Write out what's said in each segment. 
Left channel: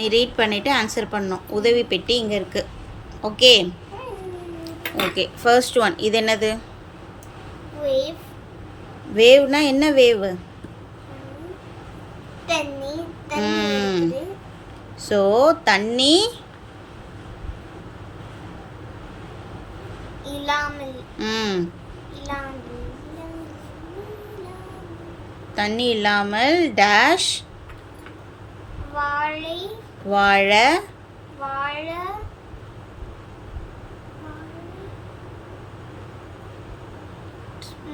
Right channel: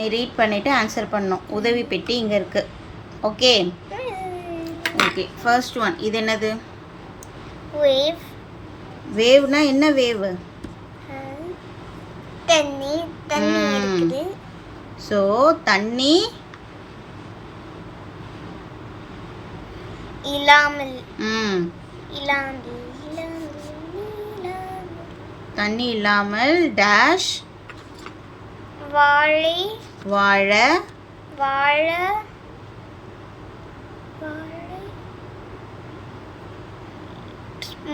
நீ ரீட் பண்ணிவிட்டு ஆன்சர் பண்ணணும். உதவி பெட்டி இங்கே இருக்குது. Okay okay. ஃபர்ஸ்ட் ஒன் இது என்னது? வேவ். வேவ்னா என்ன வேவ்? தண்ணி. தண்ணி இருக்குது. ஸோ தண்ணி இல்லாமல். இல்லாமல். தண்ணி இல்லாமல் டேஷ் வாழை. வாழ. வாழ.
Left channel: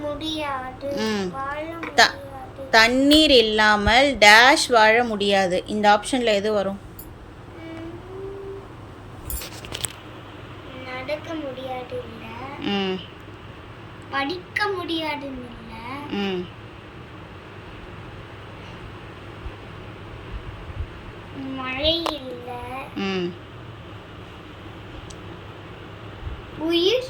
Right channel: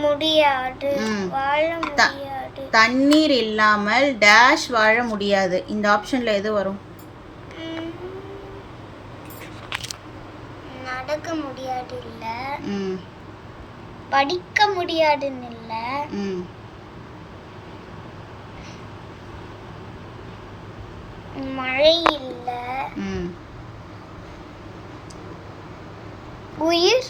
முடியாது. வாழ முடியாது. தண்ணீர் இல்லாமல் டேஷ் வாழ முடியாது. இந்த ஆப்ஷன்ல எது வரும்? நடக்க முடியாது இல்ல. படிக்க முடியாதுன்னு இல்ல. மழை இல்ல. உயிர்.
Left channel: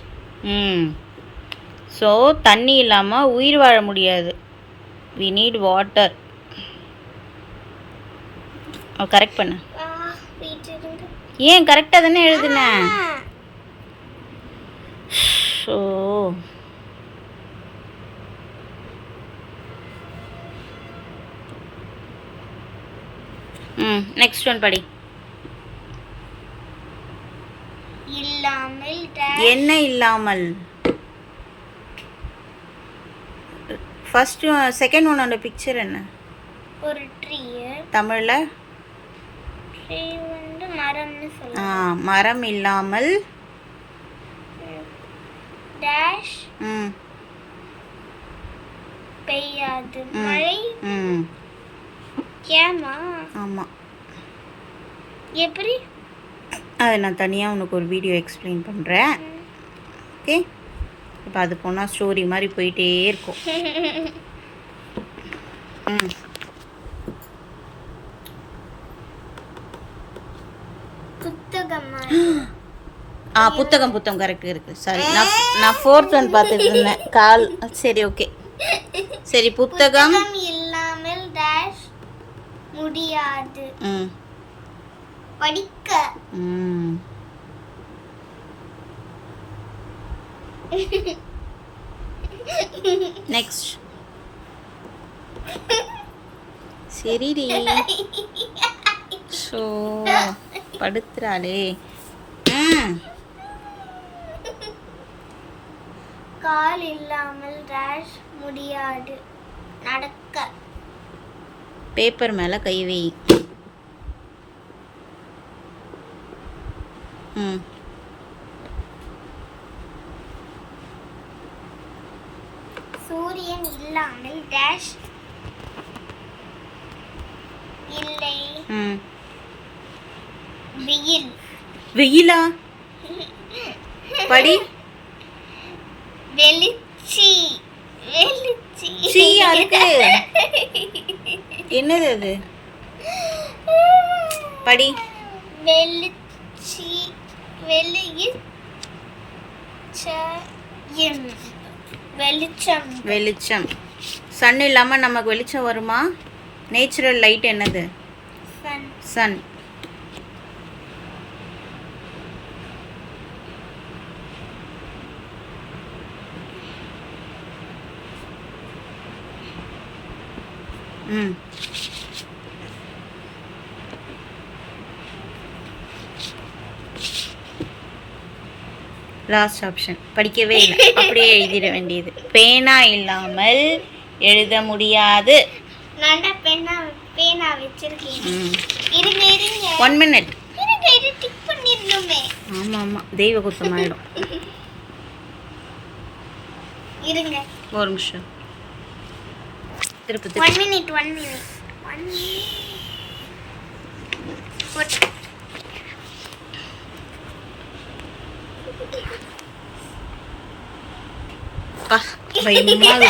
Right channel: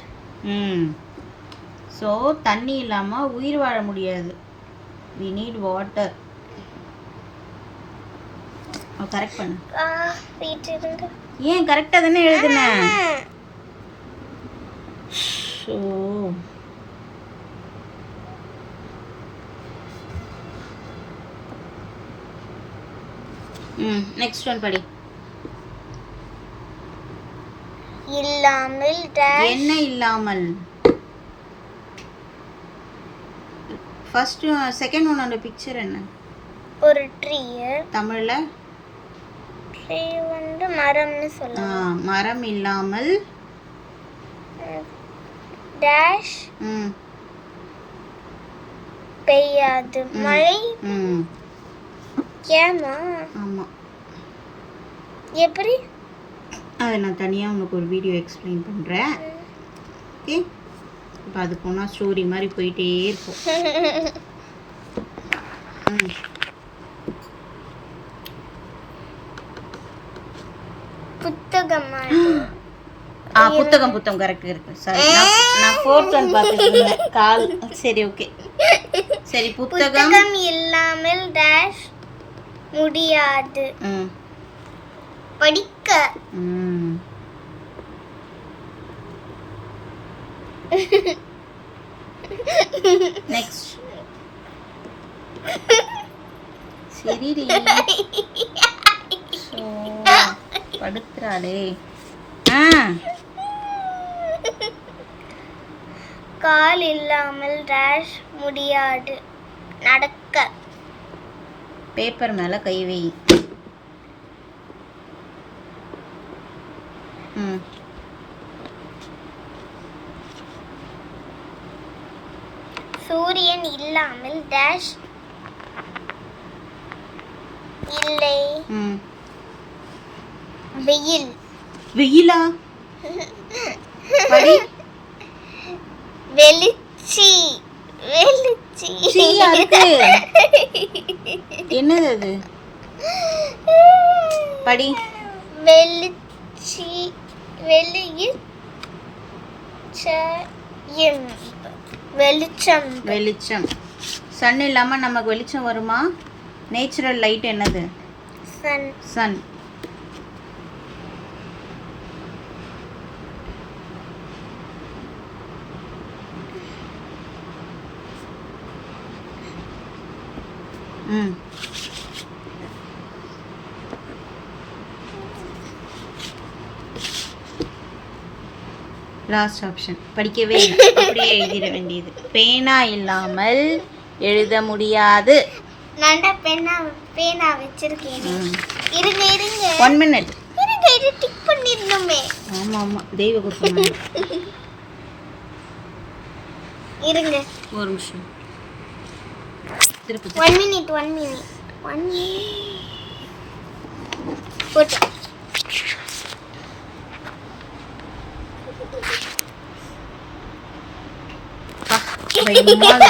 ஸோ தண்ணி இல்லாமல் உயிர் வாழ முடியாது. We need water. கரெக்ட் பண்ண. ஏன் கரெக்டாக தானே எழுதுனேன். ஸோ நெக்ஸ்ட் ஒன் படி. இல்லாமல் என்ன இல்லாமல்? ஃபர்ஸ்ட் செகண்ட் ஒன்னோட பிக்சர் என்ன? ஒரு ட்ரீ. தமிழ்ல ட்ரீ வந்து மரம்னு சொல்லலாம். மரம் இல்லாமல் டேஷ் பெய்யாது. மழை. ஏமா? ஆமாம். எப்படி? அதை நான் தனியாக உனக்கு ஒரு வீடியோ எக்ஸ்பிளைன் பண்ணுறேன். ஓகே. இப்போ அது போனால் ஸ்டோரி மாதிரி போயிட்டே இருக்கும். புத்தகம். புத்தகம் கரெக்ட் இருக்கு. சாரி, நான் ஃபோர்த் ஒன் பார்த்துட்டு இருந்தேன். கால். சரி ஓகே. சரி புத்தகம் இல்லாமல் டேஷ் முடியாது. படிக்க. நெக்ஸ்ட். சரிடி. ஸோ படுத்துறாளே. கால் இல்லாமல் டேஷ் முடியாது. நடக்க. பேப்பர் மேலே கை வை. சூரியன் இல்லாமல் டேஷ் இல்லை. வெயில். வெயிலா? படி. வெளிச்சி. வெளிச்சி. என்னது அது? படி. வெளிச்சி. வெளிச்சம். வெளிச்சம். சன் இல்லாமல் நமக்கு வெளிச்சம் வருமா? நேச்சுரல் லைட் என்னது? சன். சன். லாஸ்ட் ஆப்ஷன் படிக்கவே இல்லை, அப்படியே எழுதிட வேண்டியது. பேனா இல்லாமல் எழுத முடியாது. நான் பேனா வச்சிருக்கேன். இருங்க 1 minute. இருங்க, இது டிக் பண்ணிடணுமே. ஆமா தெய்வ குத்தமாயிடும். இருங்க ஒரு நிமிஷம். திருப்பி 1 minute. 1 minute. போட்டு. பயமா